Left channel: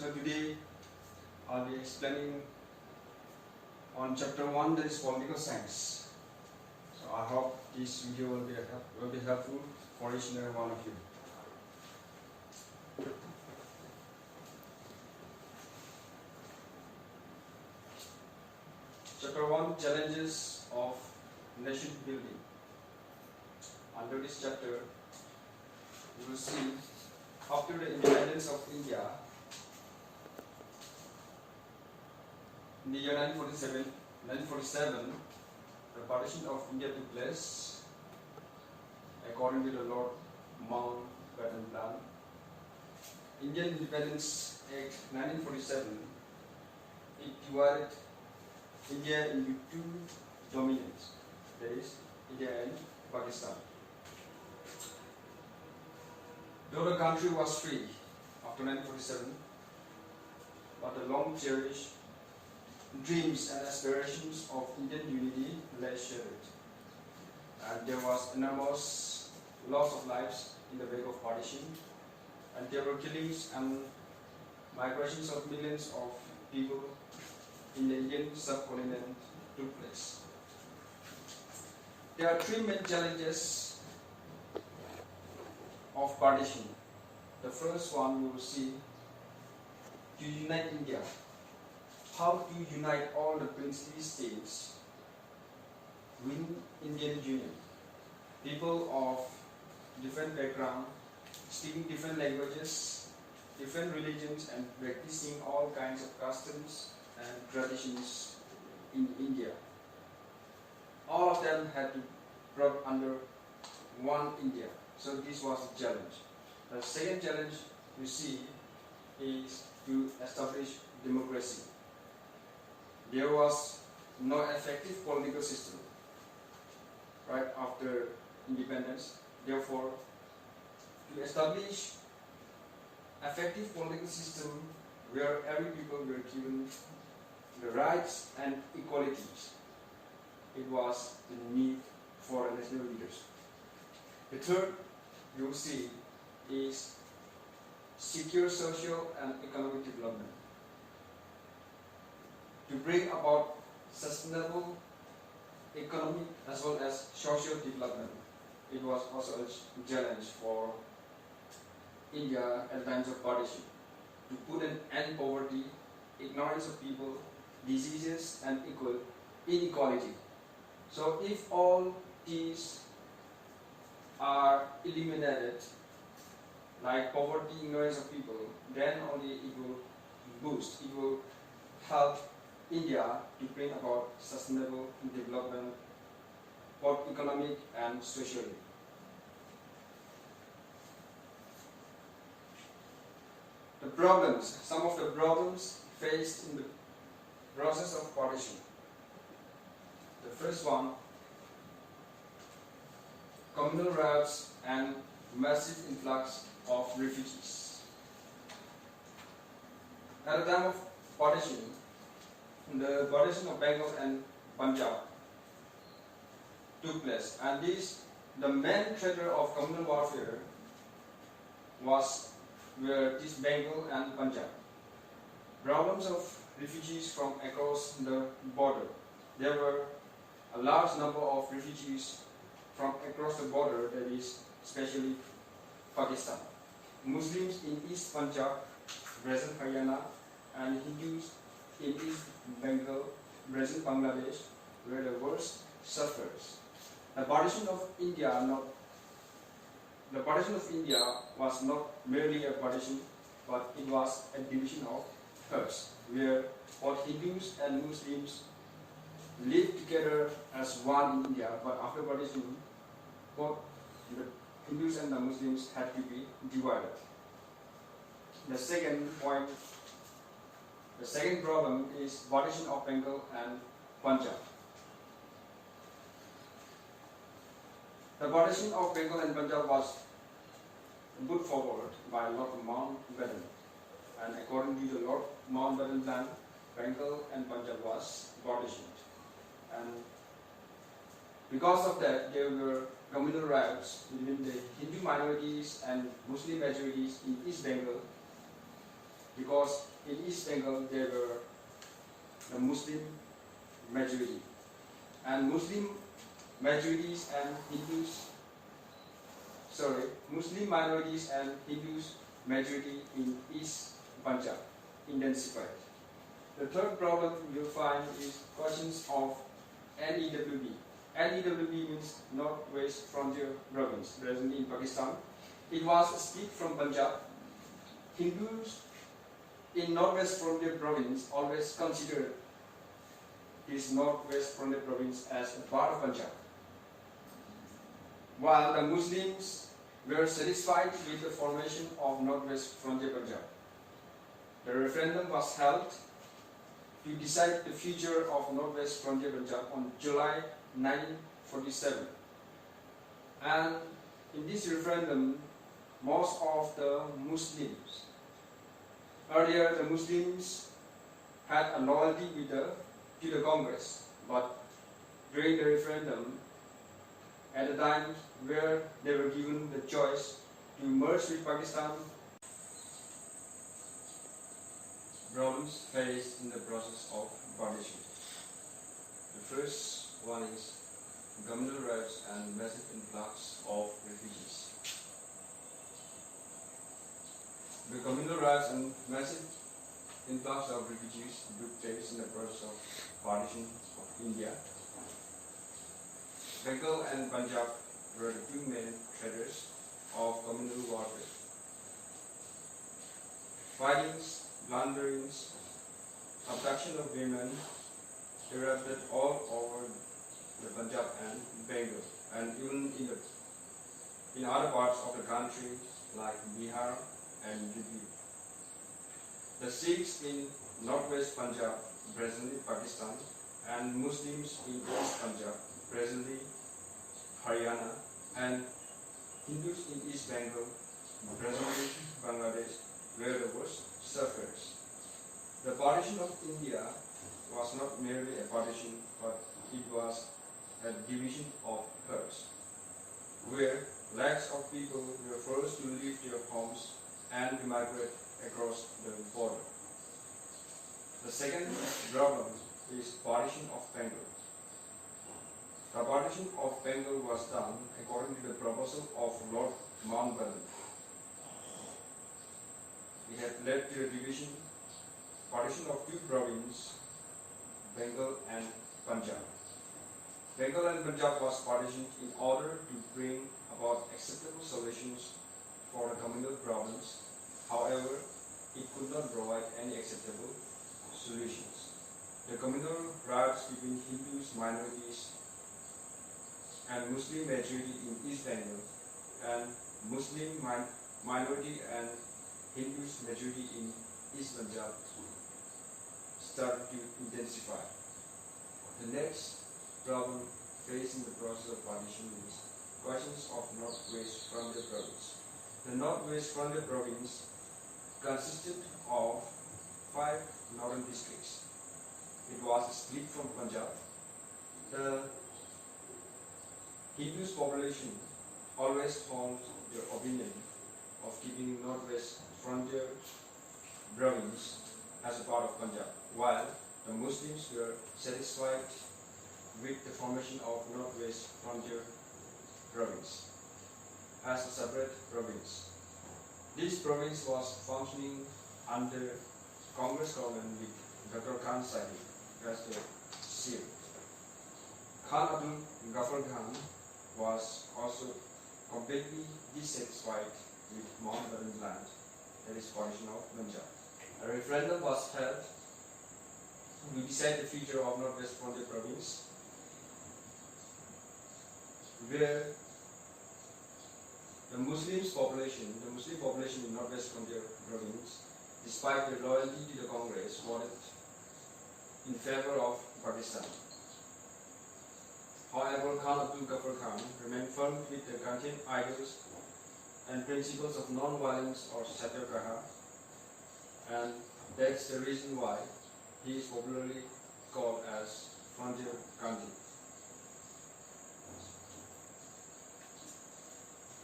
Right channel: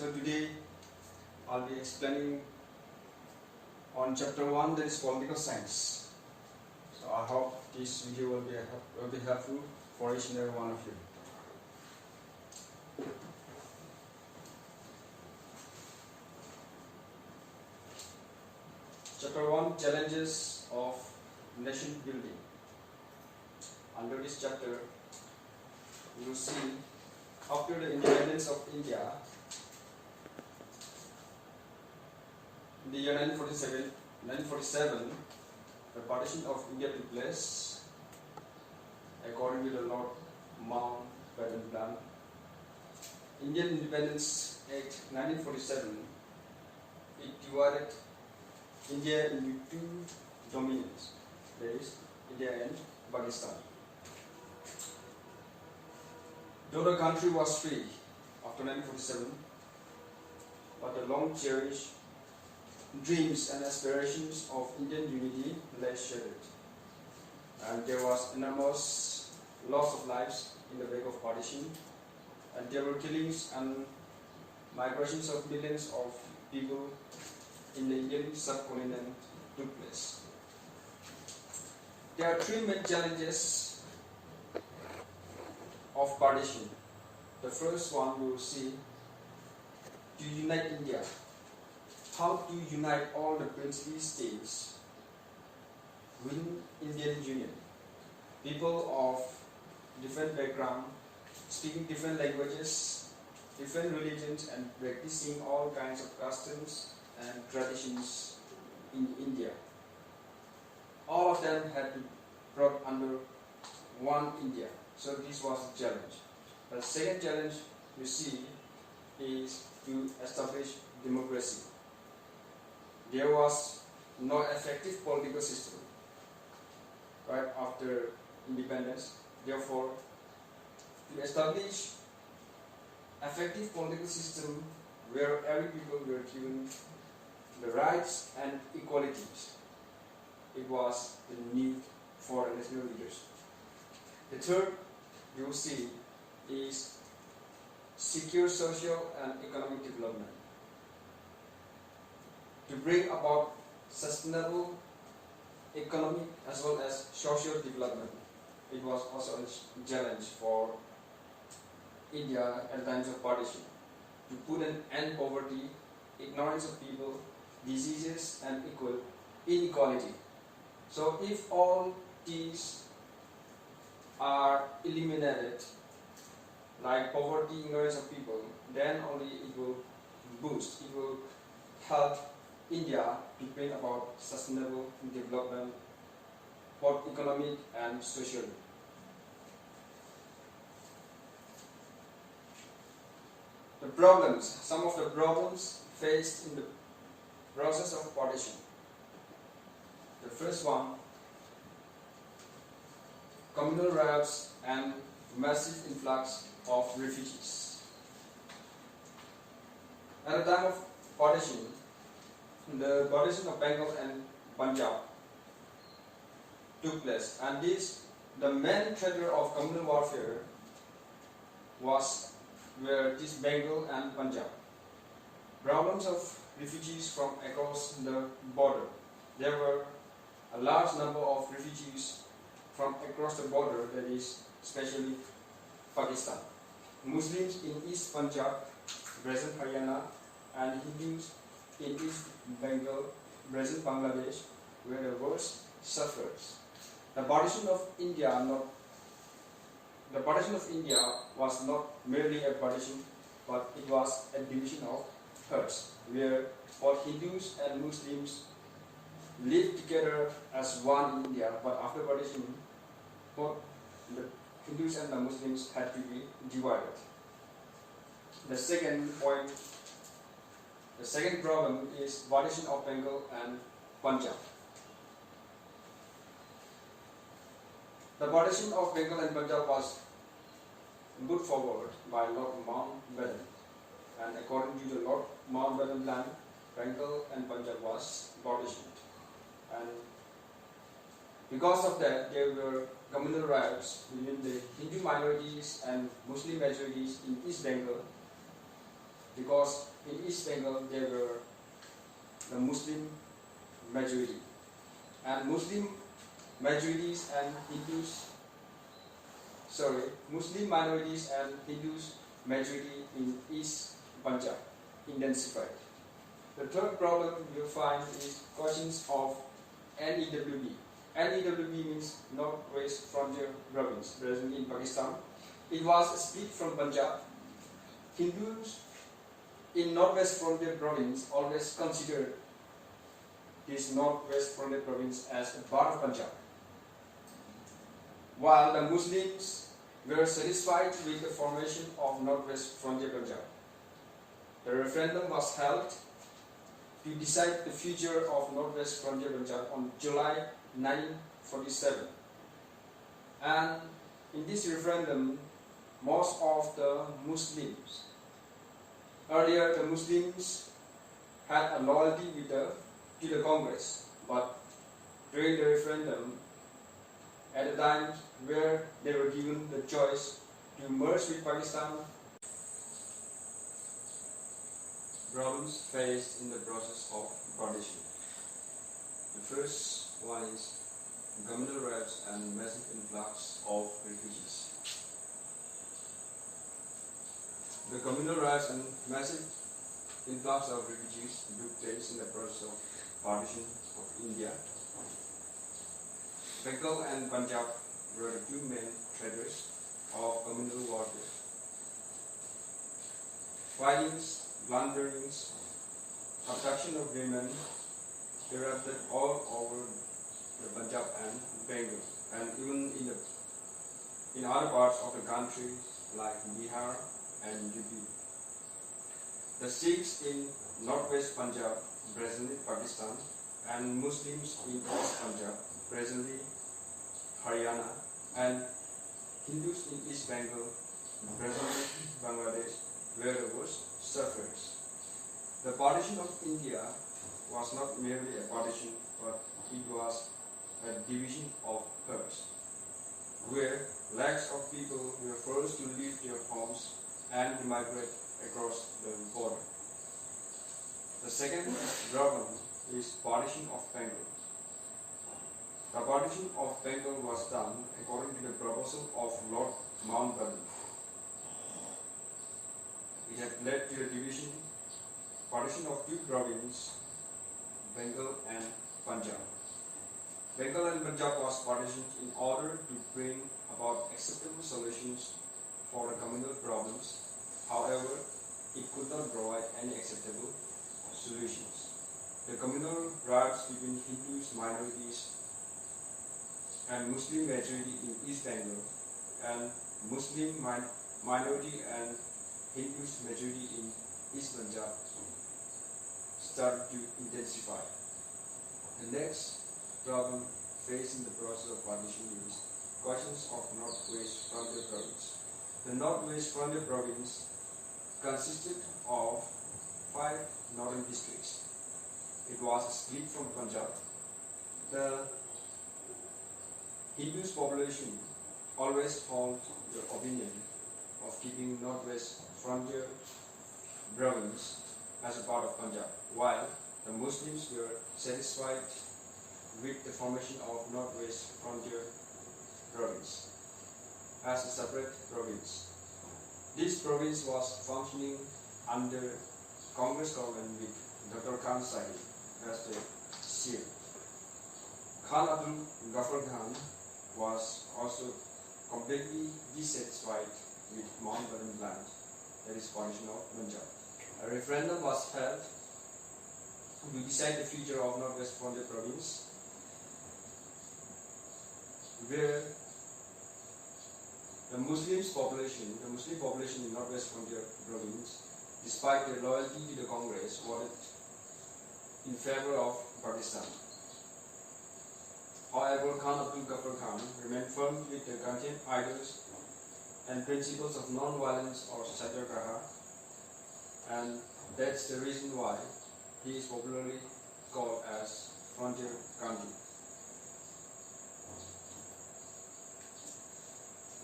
So today I'll be explaining on chapter 1, that is political science. So I hope this video will be helpful for each and every one of you. Chapter 1, Challenges of Nation Building. Under this chapter, you will see after the independence of India in the year 1947, the partition of India took place according to the Lord Mountbatten Plan. Indian Independence Act 1947, it divided India into two dominions, that is India and Pakistan. Though the country was free after 1947, but the long cherished dreams and aspirations of Indian unity lay shattered, and there was enormous loss of lives in the wake of partition, and there were killings and migrations of millions of people in the Indian subcontinent took place. There are three main challenges of partition. The first one we will see, to unite India. How to unite all the princely states within Indian Union. People of different background, speaking different languages, different religions, and practicing all kinds of customs and traditions in India. All of them had to be brought under one India. So this was a challenge. The second challenge we see is to establish democracy. There was no effective political system right after independence. Therefore, to establish effective political system where every people were given the rights and equalities, it was the need for national leaders. The third we will see is secure social and economic development. To bring about sustainable economic as well as social development, it was also a challenge for India at times of partition. To put an end to poverty, ignorance of people, diseases, and inequality. So if all these are eliminated, like poverty, ignorance of people, then only it will help India to bring about sustainable development, both economic and socially. The problems, some of the problems faced in the process of partition. The first one, communal riots and massive influx of refugees. At the time of partition, the partition of Bengal and Punjab took place, and the main theater of communal warfare were this Bengal and Punjab. Problems of refugees from across the border. There were a large number of refugees from across the border, that is especially Pakistan. Muslims in East Punjab, present Haryana, and Hindus in East Bengal, present Bangladesh, were the worst sufferers. The partition of India was not merely a partition, but it was a division of herds, where both Hindus and Muslims lived together as one in India, but after partition, both the Hindus and the Muslims had to be divided. The second problem is partition of Bengal and Punjab. The partition of Bengal and Punjab was put forward by Lord Mountbatten, and according to the Lord Mountbatten Plan, Bengal and Punjab was partitioned. And because of that, there were communal riots between the Hindu minorities and Muslim majorities in East Bengal, because in East Bengal there were the Muslim majority, and Muslim minorities and Hindus majority in East Punjab intensified. The third problem you'll find is questions of NEWB. NEWB means Northwest Frontier Province, present in Pakistan. It was split from Punjab. Hindus in Northwest Frontier Province always considered this Northwest Frontier Province as a part of Punjab, while the Muslims were satisfied with the formation of Northwest Frontier Punjab. The referendum was held to decide the future of Northwest Frontier Punjab on July 1947. And in this referendum, most of the Muslims, earlier the Muslims had a loyalty to the Congress, but during the referendum, at a time where they were given the choice to merge with Pakistan, problems faced in the process of partition. The first one is communal riots and massive influx of refugees. The communal riots and massive influx of refugees took place in the process of partition of India. Bengal and Punjab were the two main traders of communal warfare. Fightings, plunderings, abduction of women erupted all over the Punjab and Bengal, and even in other parts of the country like Bihar and UP. The Sikhs in Northwest Punjab, presently Pakistan, and Muslims in East Punjab, presently Haryana, and Hindus in East Bengal, presently Bangladesh, were the worst sufferers. The partition of India was not merely a partition, but it was a division of herds, where lakhs of people were forced to leave their homes and to migrate across the border. The second problem is partition of Bengal. The partition of Bengal was done according to the proposal of Lord Mountbatten. It had led to the partition of two provinces, Bengal and Punjab. Bengal and Punjab was partitioned in order to bring about acceptable solutions for the communal problems. However, it could not provide any acceptable solutions. The communal riots between Hindus minorities and Muslim majority in East Bengal and Muslim minority and Hindus majority in East Punjab started to intensify. The next problem faced in the process of partition is questions of Northwest Frontier Province. The Northwest Frontier Province consisted of 5 northern districts. It was split from Punjab. The Hindus population always held the opinion of keeping Northwest Frontier Province as a part of Punjab, while the Muslims were satisfied with the formation of Northwest Frontier Province as a separate province. This province was functioning under Congress government with Dr. Khan Sahib as the chief. Khan Abdul Ghaffar Khan was also completely dissatisfied with Mountbatten land, that is partition of Punjab. A referendum was held to decide the future of Northwest Frontier Province, where the Muslim population in Northwest Frontier Province, despite their loyalty to the Congress, voted in favor of Pakistan. However, Khan Abdul Ghaffar Khan remained firm with the Gandhian ideals and principles of non-violence or satyagraha, and that's the reason why he is popularly called as Frontier Gandhi.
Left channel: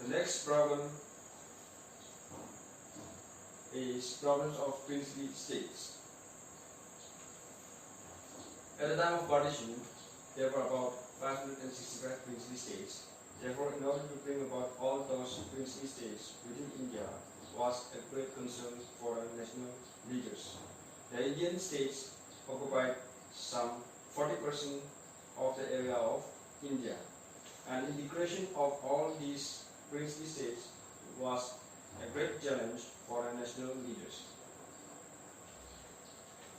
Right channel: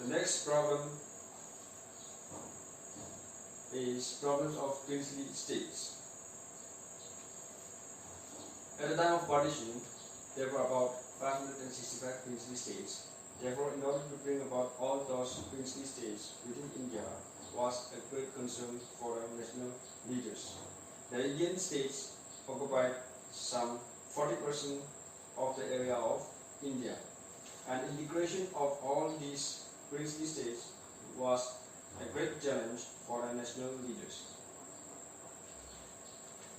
The next problem is problems of princely states. At the time of partition, there were about 565 princely states. Therefore, in order to bring about all those princely states within India was a great concern for the national leaders. The Indian states occupied some 40% of the area of India, and integration of all these princely states was a great challenge for the national leaders.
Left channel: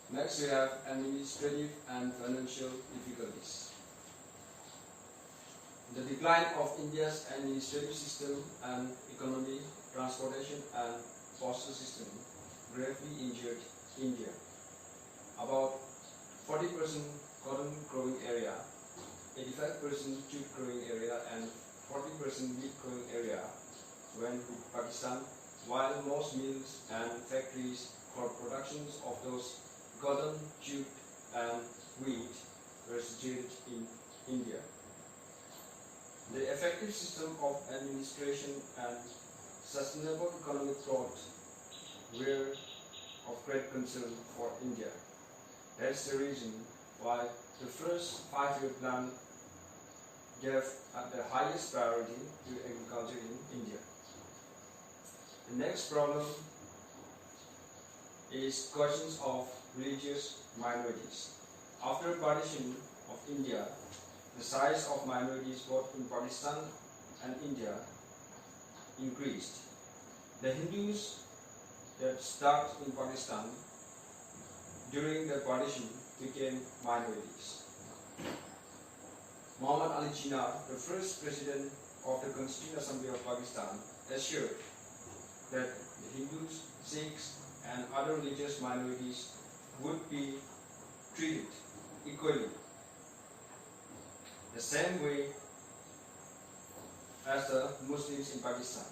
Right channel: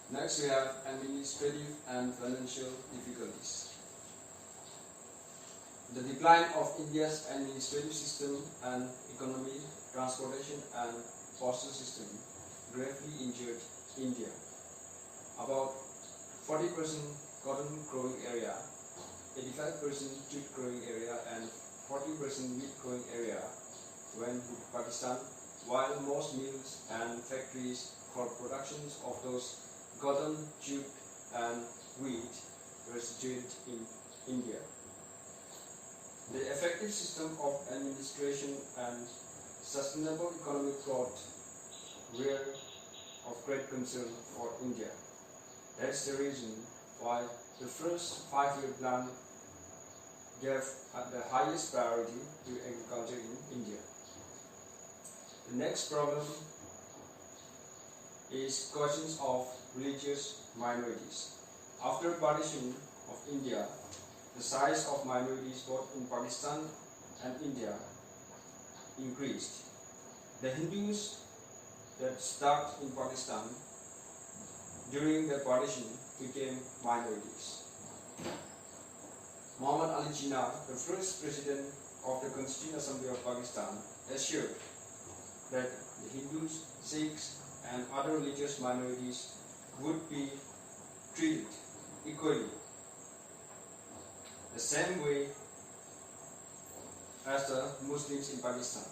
Next, we have administrative and financial difficulties. The decline of India's administrative system and economy, transportation and postal system gravely injured India. About 40% cotton growing area, 85% jute growing area and 40% wheat growing area went with Pakistan, while most mills and factories for productions of those cotton, jute and wheat were situated in India. The effective system of administration and sustainable economic growth were of great concern for India. That's the reason why the first 5-year plan gave the highest priority to agriculture in India. The next problem is questions of religious minorities. After partition of India, the size of minorities both in Pakistan and India increased. The Hindus that stuck in Pakistan during the partition became minorities. Muhammad Ali Jinnah, the first president of the Constituent Assembly of Pakistan, assured that the Hindus, Sikhs and other religious minorities would be treated equally, the same way as the Muslims in Pakistan.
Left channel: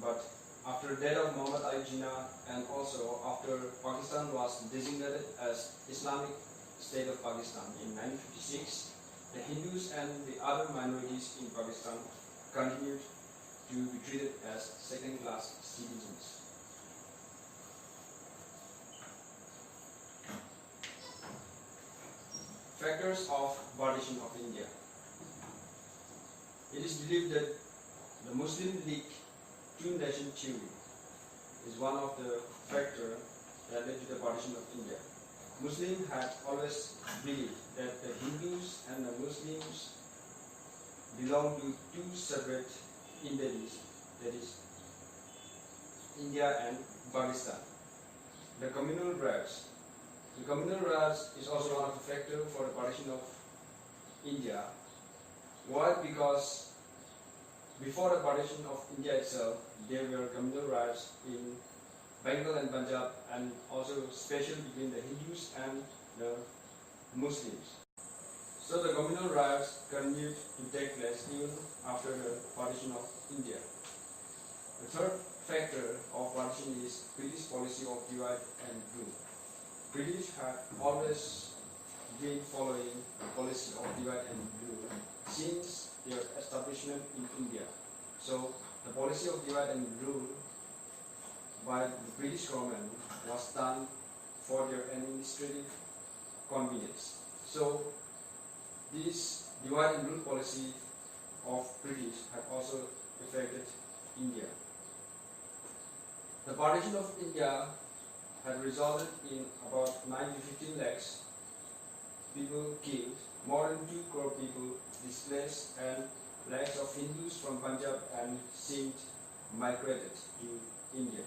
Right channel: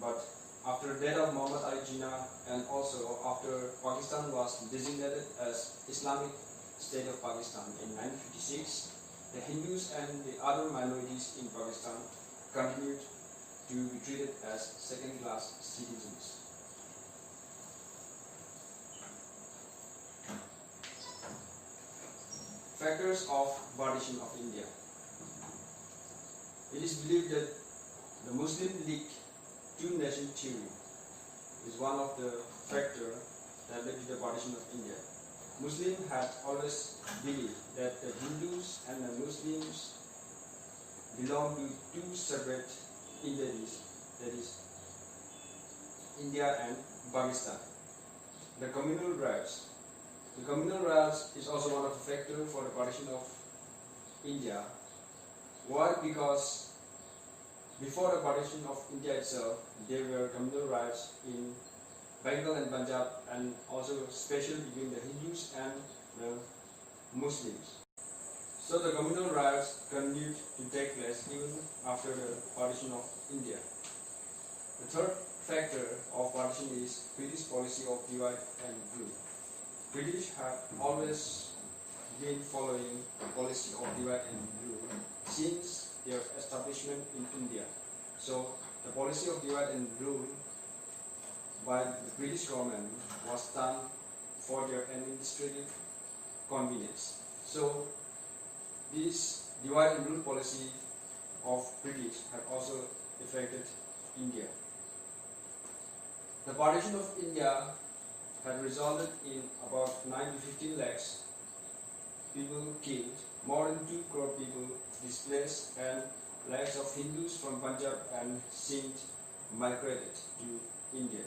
But after the death of Muhammad Ali Jinnah and also after Pakistan was designated as Islamic State of Pakistan in 1956, the Hindus and the other minorities in Pakistan continued to be treated as second-class citizens. Factors of partition of India. It is believed that the Muslim League two-nation theory is one of the factors that led to the partition of India. Muslims had always believed that the Hindus and the Muslims belong to two separate entities, that is, India and Pakistan. The communal rights. The communal rights is also one of the factors for the partition of India. Why? Because before the partition of India itself, there were communal rights in Bengal and Punjab, and also special between the Hindus and the Muslims. So the communal rights continued to take place even after the partition of India. The third factor of partition is British policy of divide and rule. British had always been following the policy of divide and rule since their establishment in India. So the policy of divide and rule by the British government was done for their administrative convenience. So this divide and rule policy of British had also affected India. The partition of India had resulted in about 9 to 15 lakhs people killed, more than 2 crore people displaced, and lakhs of Hindus from Punjab and Sindh migrated to India.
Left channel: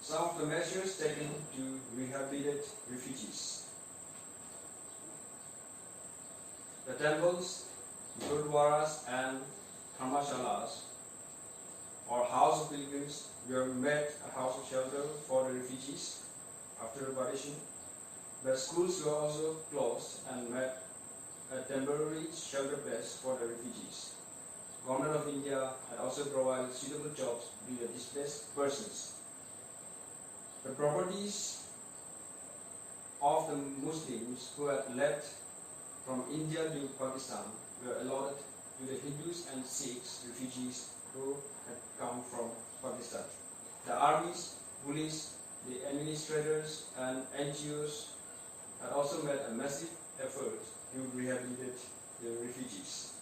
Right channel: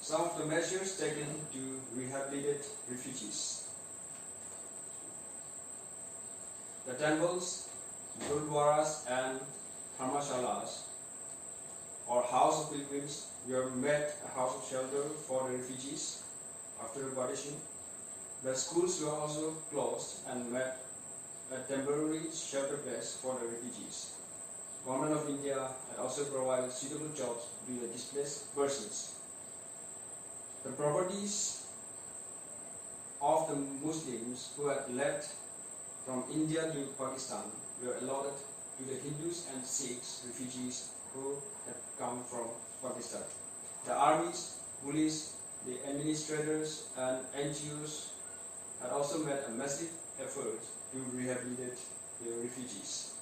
Some of the measures taken to rehabilitate refugees. The temples, gurudwaras and dharmashalas or house of pilgrims were made a house of shelter for the refugees after the partition. The schools were also closed and made a temporary shelter place for the refugees. Government of India had also provided suitable jobs to the displaced persons. The properties of the Muslims who had left from India to Pakistan were allotted to the Hindus and Sikhs refugees who had come from Pakistan. The armies, police, the administrators and NGOs had also made a massive effort to rehabilitate the refugees.